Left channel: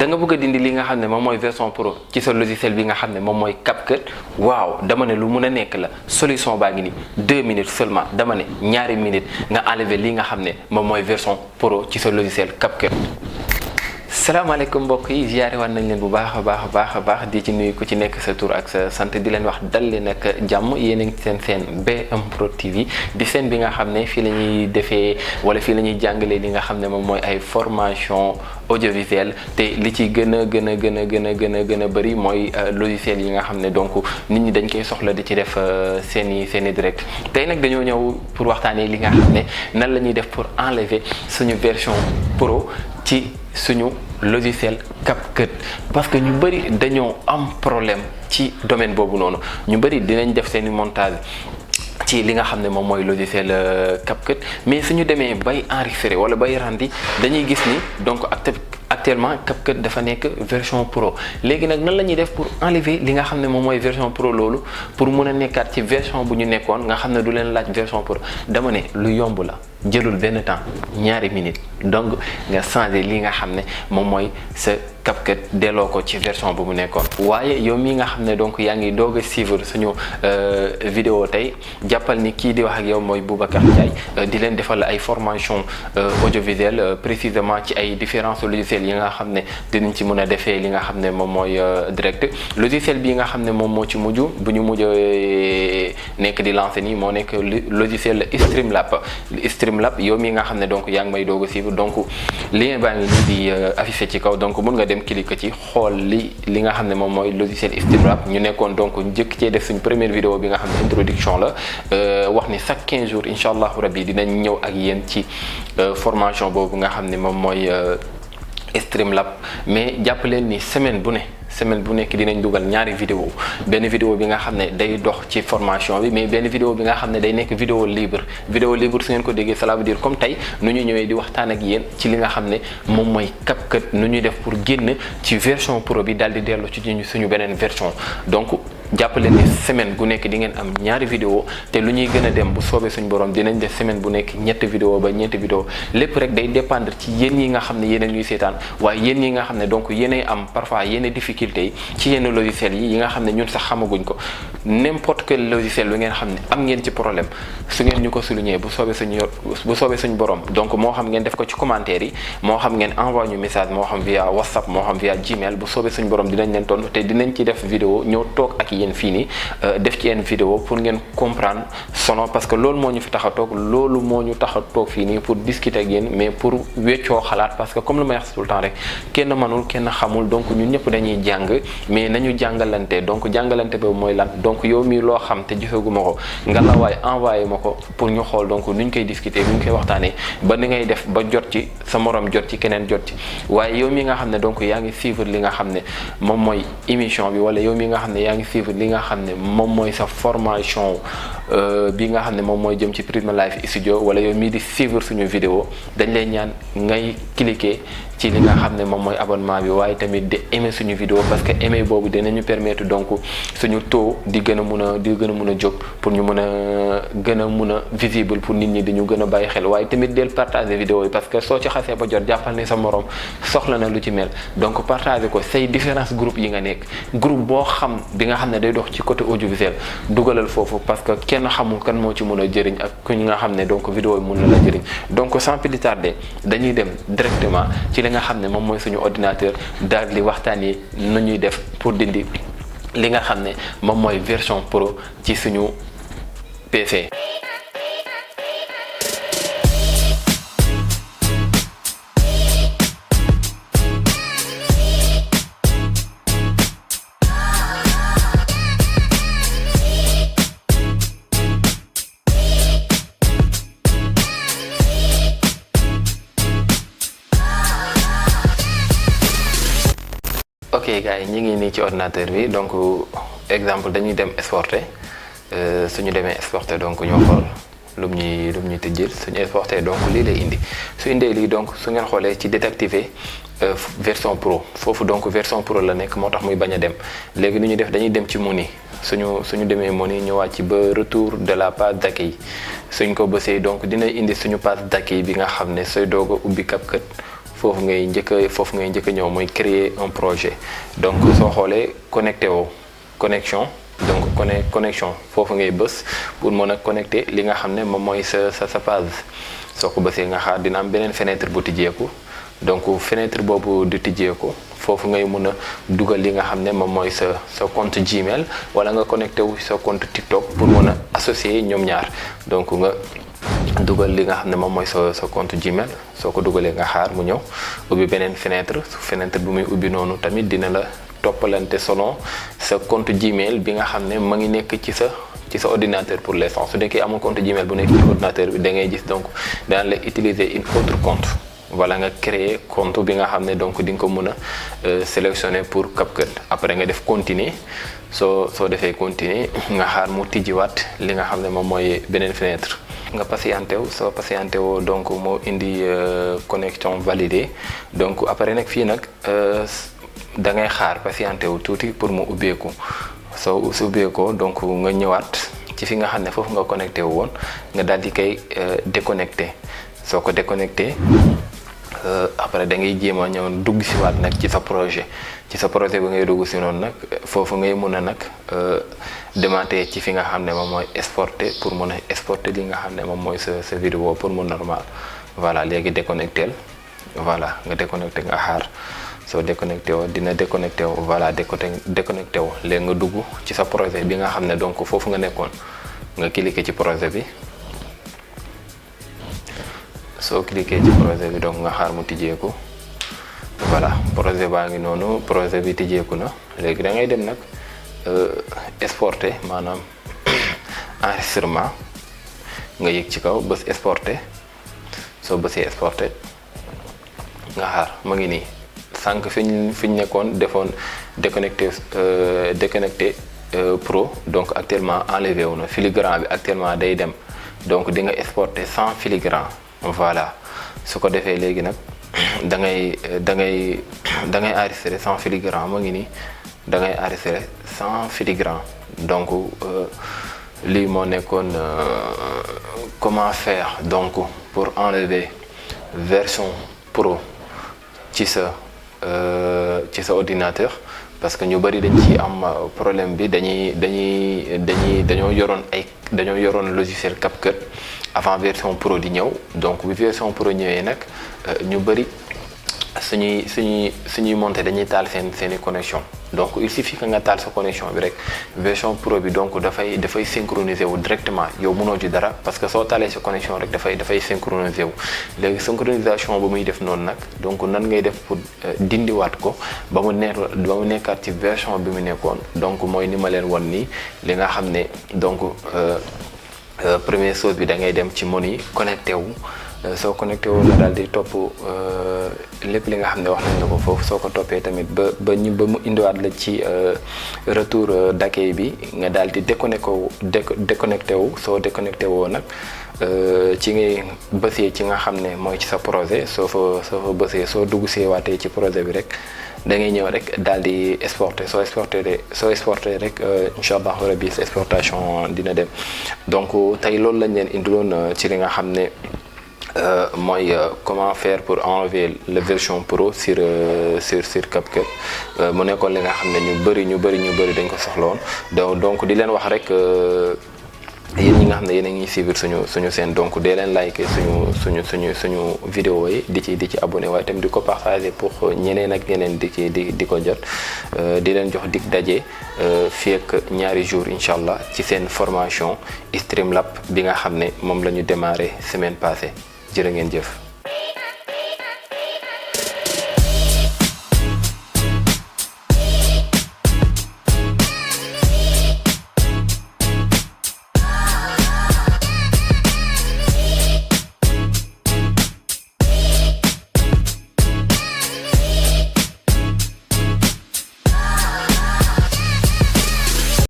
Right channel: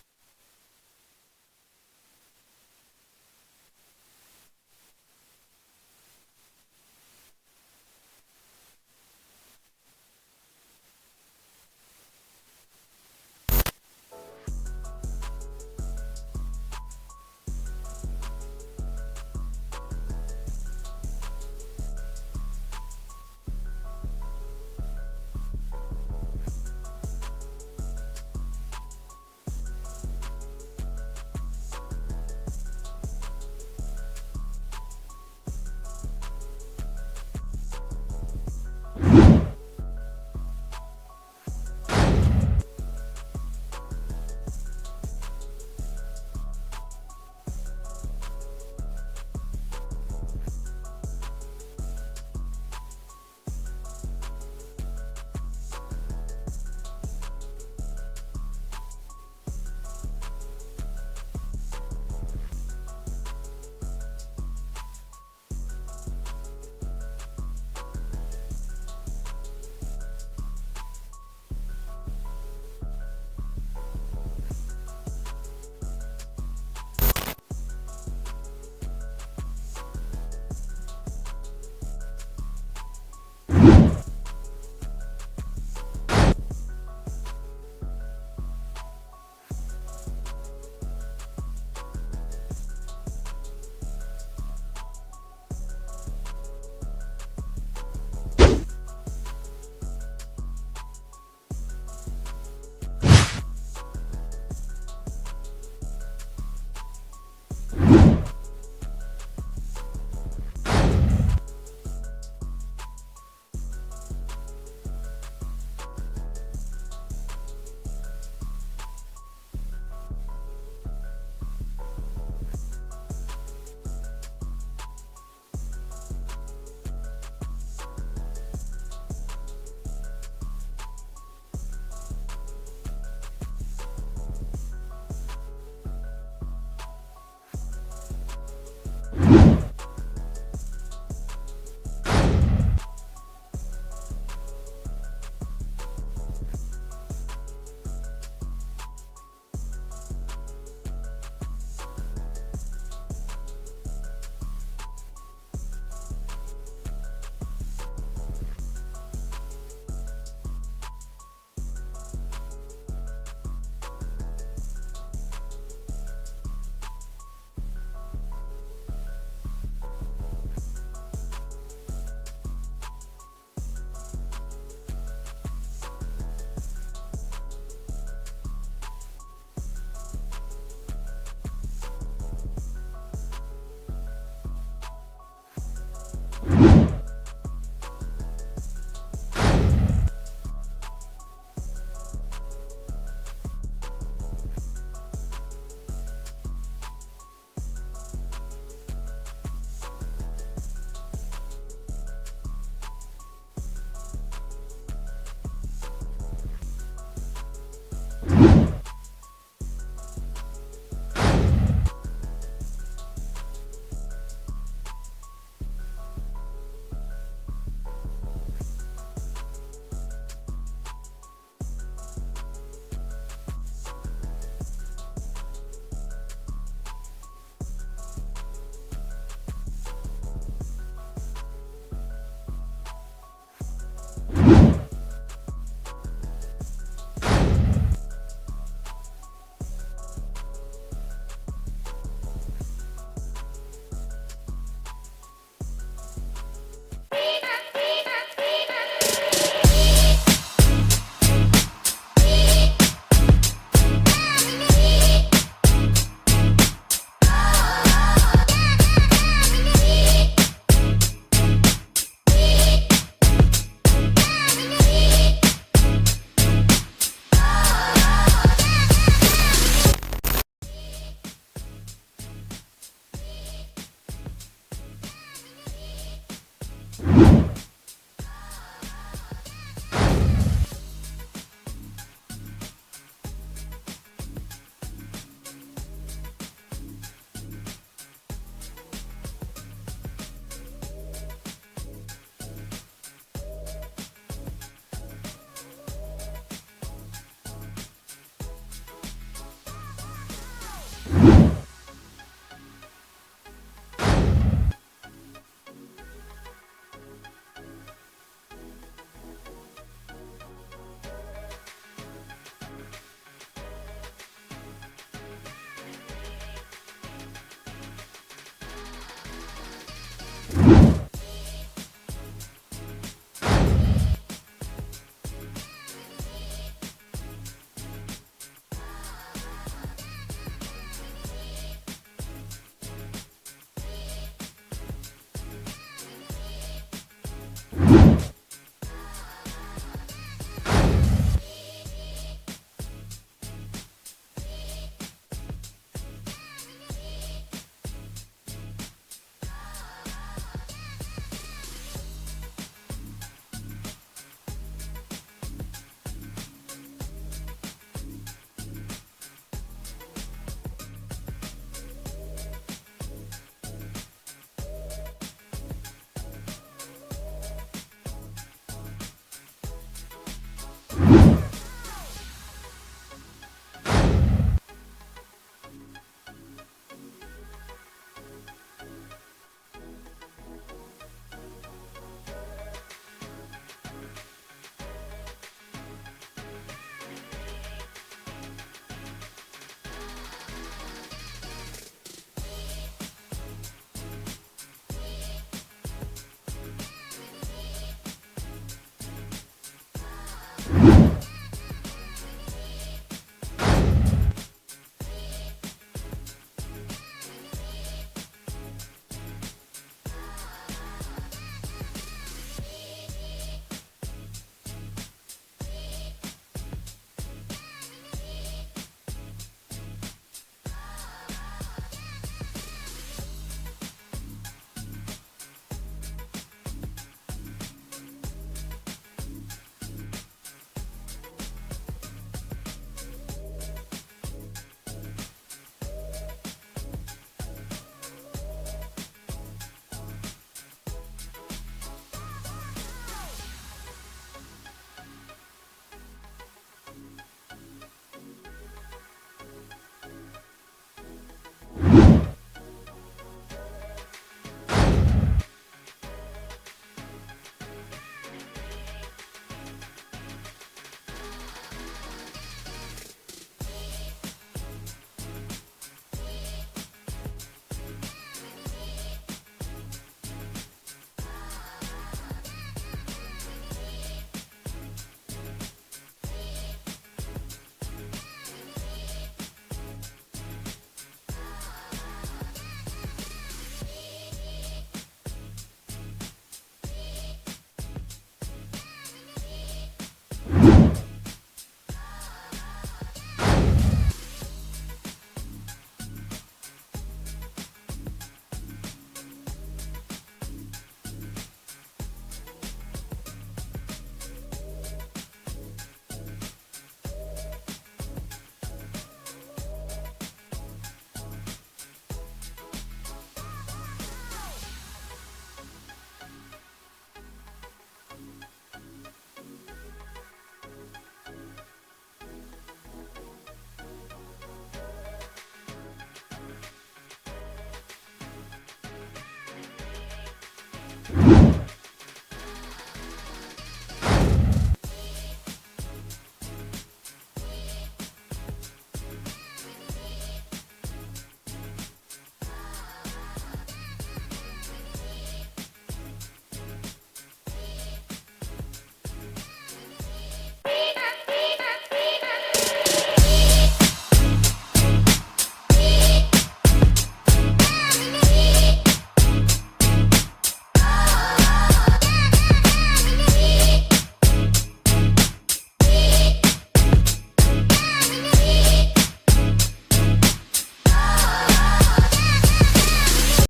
da nga bëgg a dindi li nga xam ne moom mooy version pro ci sa logiciel bi nga xam ne moom mooy CapCut waaw dama ne lu mun a nekk la solution baa ngi ni 2 minutes seulement dama ne ñaari minutes nga enlever li nga xam ne moom mooy version pro ci sa logiciel CapCut. salaamaaleykum mbokk yi ziare waat nañ leen bu baax a baax di ci nuyu ku ci nekk sa tur ak sa sant di leen wax dal leen ak jàmm yéen a ngi seen BM Pro TV di seen bi nga xam ne fii la ñuy defee wala fii la ñuy jàngalee li nga xam ne moom mooy ay formation audiovisuelle te li ci gën a bëri mooy logiciel yi nga xam ne donc nit ñi dañ koy soxla di ci def seeni direct tey nag dañoo ñëw pour waxtaanee li nga xam ne nan la ñuy def pour enlever suñu version pro ci suñu logiciel CapCut parce que ñu bëri dañoo am problème ci domaine boobu noonu ñu bëri dinañ def seeni montage ci li nga xam ne moom mooy logiciel CapCut mais suñu demee bay enregistrer wala bay rendi dañuy gis ni donc actuellement CapCut dafa nekk version pro léegi nag nan la ñuy def pour enlever li nga xam ne moom mooy version pro loolu pour mun a nekkaat ci version bu ñu nekkoon nga xam ne du leen laaj version pro dama ne lu yomb la jëlul benn temps ñaari minutes donc nga changer li nga xam ne moom mooy sa CapCut delloo ko ci version bu mu nekkoon. waaye yow mii nga xam ne donc yaa ngi doog a suivre suñu vidéo tey jàppal ni kii di wax ak yow mooy Boubacar Ndiaye di leen defal ay formation audiovisuelle précisément ci ay différents logiciels yi nga xam ne dinañ ci mën a defee li nga xam ne moom mooy direct logiciel bi nga xam ne moom moo ci mujj bu ñu mujj nekk di lancer nii moo nekk logiciel Streamlab yow mi nga xam ne donc yaa ngi may doog a suivre donc lien baa ngi nii di affiché ci kaw donc mun nga dem cliquer ci xool li nga xam ne moom mooy logiciel Streamlab ñu nekkoon donc njëkk cee def suñ première vidéo bi nga xam ne introduction la wax ni chaque 15 jours incha allahu rabbi dinañ ñëw ak yéen ci formation boobu nga xam ne moom mooy Streamlab mais jàpp leen ni semaine bu nekk dinañ dugal ñaari vidéo benn vidéo bi nga xam ne day dox ci formation bi mais benn vidéo bi nga xam ne day nekk vidéo libre su ngeen ko déggee cela veut dire comme tey nu ñu ñëwee di waxtaan ak yéen ci li nga xam ne moom mooy CapCut nu ñuy def pour génn ci version pro bi daal di dellu ci suñu beneen version donc jàppale ni semaine bu nekk di ngeen am ñaari vidéo te lu ñuy gën a dem bu soobee suñu borom dinañ def semaine bu nekk ñetti vidéo ba ñeenti vidéo lépp rek day dépendre ci yéen ñi nga xam ne yéen ñuy seetaan waaye yéen ñi nga xam ne donc yéenay am parfois yenn difficulté yi ci yenn logiciel yi nga xam ne ñun sax xamaguñ ko n'importe quel logiciel lu ngeen xam ne am ngeen ci problème su ngeen ñu ko souligner bu soobee suñu borom donc moo xam ngeen def ko ci commentaire yi moo xam ngeen envoyé ñu message moo xam via WhatsApp moo xam via Gmail bu soobee suñu borom dinañ leen tontu te dinañ ci def vidéo ñëw toog ak yéen fii nii def ci yenn vidéo pour ngeen comprendre sono parce que loolu moo ñu fi tax a toog loolu moo ñu tax a toog fii nii pour discuter ak yéen mais pour weccoo xalaat parce que comme lu may wax tout le temps rek kenn mënul kenn xamul donc ñun ñëpp dañuy jàng mais nañu jàngalante donc jàngalante boobu mooy lan donc yow mii loo xam te gisaguma ko nga la waaye envoyé ma ko pour ñu xool donc nuñ koy discuter nuñ koy waxtaanee ba ni ngay def ba jot ci sa morom jot ci keneen jot ci waaye yow mi nga xam ne donc yaa ngi suivre li nga xam ne moom mooy émission bi wala yow mi nga xam ne yaa ngi suivre li nga xam ne moom mooy sa formation bi nga xam ne moom mooy jëm ci Prisma Live Studio wala yow mii di suivre suñu vidéo dañ lay ñaan ngay cliquer ci li nga xam ne moom mooy abonnement bi waaye tamit di aimer suñu vidéo parce que aimer boobu dinañu permettre donc suñu taux di gën a mun a jóg pour ñu mën a gën a mun a visible pour nit ñi di ñu gën a bàyyi xel waaye tamit del partager vidéo yi parce que soo ci xasee ba jot jàppal ne sa morom soxla na lu ci mel donc partager ko say différents groupes yi nga nekk groupe boo xam bi nga xam ne day dox ci côté audiovisuel dugalal foofu parce que kenn xamul kan moo ci mën a jëriñ ak ku nga xam ne donc vidéo yi mën na la jëriñ donc sans plus tarder dañuy dem directement ci li nga xam ne moom mooy suñu ordinateur daal di waxtaan yi nu ñuy def pour dindi li nga xam ne moom mooy version pro ci suñu PC. ok gars yi ñu ngi nii ci ordinateur bi donc exemple dañuy dem exporter suñu demee exporter donc ñoo xool lu ñuy tëjjil suñu exporter donc lii lay indi su indee lii donc su ngeen xoolee ci désactiver version pro foofu donc version pro la nekk moo tax muy bañ a dem léegi nu ñuy def dañuy dem ci menu suñu demee menu ñëwaat ci ba retour de la page d'accueil suñ ko bësee donc dina indi suñu page d'accueil bi nga xam ne sooy doog a ubbi CapCut foofu ngay njëkk a ñëw mooy créer un projet. donc soo xoolee connecté woo connexion, donc connexion foofu ngay bës pour mën a connecté li nga xam ne moom mooy sa page. soo ko bësee nga xaar dina am beneen fenêtre bu tijjeeku, donc fenêtre boobu di tijjeeku foofu ngay mën a dugal li nga xam ne moom mooy sa compte Gmail, wala nga connecté wu sa compte TikTok pour mën a associer ñoom ñaar. donc nga dugal li nga xam ne moom mooy sa compte Gmail, soo ko dugalee nga xaar mu ñëw ubbi beneen fenêtre bu muy ubbi noonu tamit dina la toppalante selon sa compte Gmail bi nga xam ne ma ngi nekk ci sa ordinateur pour l'instant. su nekkee amul compte Gmail bu nekk ci ordinateur bi da ngay gis donc daan la utiliser une autre compte, wala nga créer compte bi nga xam ne donc di nga ko mën a sélectionner pour CapCut. après nga def continuer, soo defee continuer nga xaar mu tijjiwaat li nga xam ne moom mooy beneen fenêtre. nga patienté wu, soo patienté woo donc moo indi connexion validée. donc après nag fii nag da ngay xaar patienté wu tuuti pour mu ubbeeku. soo ubbeekoo donc nga ñëwaat ci fi nga xam ne foofu nga connecté wu woon, nga daal di koy déconnecté. soo ko déconnecté après da ngay jéem a ñëw dugg si waat nag ci sa projet bi ngay dugg si noonu nag foofu ngay mën a nag démarrer ci fi nga xam ne moom mooy exporter, pour mën a exporter li nga xam ne moom mooy sa vidéo pour mu normal. voilà léegi déconnecté voilà nga déconnecté nga xaar. soo déconnecté woo dina déconnecté woo, voilà déconnecté woo léegi nga dugg ci sa projet bi nga xam ne donc foofu nga nekkoon, nga cliquer ci projet bi. soo cliquer ci projet bi donc nga xaar mu tijjeeku. voilà projet baa ngi noonu, projet bi tijjeeku na. léegi da ngay dem nag exporter, maanaam enregistrement nga yëg ci kaw bës exporter. soo bësee exporter nga xaar ma ngi nii. sànq fi ñu nekkoon defoon déconnecté pro, donc actuellement enlevé wu na. filigrane bi actuellement day dem, donc di nga exporter sans filigrane. voilà su ko defee léegi nag da ngay enregistrer sans filigrane. ma ngi nii da ngay enregistrer sans filigrane. donc lii moo nekkoon comment faire donc pour enlever version pro ci sa ordinateur, parce que ñu bari dañ ci am problème bi. dañoo yoroon logiciel CapCut avant version pro di ñëw. donc bi version pro ñëwee nag ñu bari suñuy monter dañuy taal seeni connexion. donc il suffit que nga taal sa connexion bi rek version pro bi donc dafay synchroniser wu directement. yow mënoo ci dara parce que soo taalee sa connexion rek dafay synchroniser wu. léegi synchronisation ba muy def noonu nag donc nan ngay def pour dindiwaat ko ba mu nekkaat ci version bi mu nekkoon. donc mooy ni ma leen won nii li nga xam ne donc première chose bi da ngay dem ci menu connecté wu. soo connecté wu nga daal di topp lépp li nga xam ne wax nañ ko foofu. soo ko toppee tamit ba mu indiwaat la ci retour d'accueil bi, nga daal di déconnecté wu. soo déconnecté woo nag ci ngay bësee ci nga xam ne mooy ci sa projet. soo fa bësee soo dugg see waatee ci projet bi rek da ngay ñëw rek daal di exporter. soo exporter rek incha allah rabbi sa exportation dina dem. donc tey loolu lañ leen indiloon ci li nga xam ne mooy comment faire pour enlever la version pro sur CapCut. mu nekkoon li nga xam ne ñu bëri dañ ko soxla woon. donc di leen wax rek yéen ñi nga xam ne yéen a ngi suivre suñu seen, donc dee leen like suñu vidéo yi di ci abonné, waaye tamit di ko partager pour ñeneen ak ñeneen di ko jot. di leen jox dig daje fii ak ñaari jours incha allah ci seen formation Streamlab bi nga xam ne moom la ñu démarré semaine passée. jërë ngeen jëf.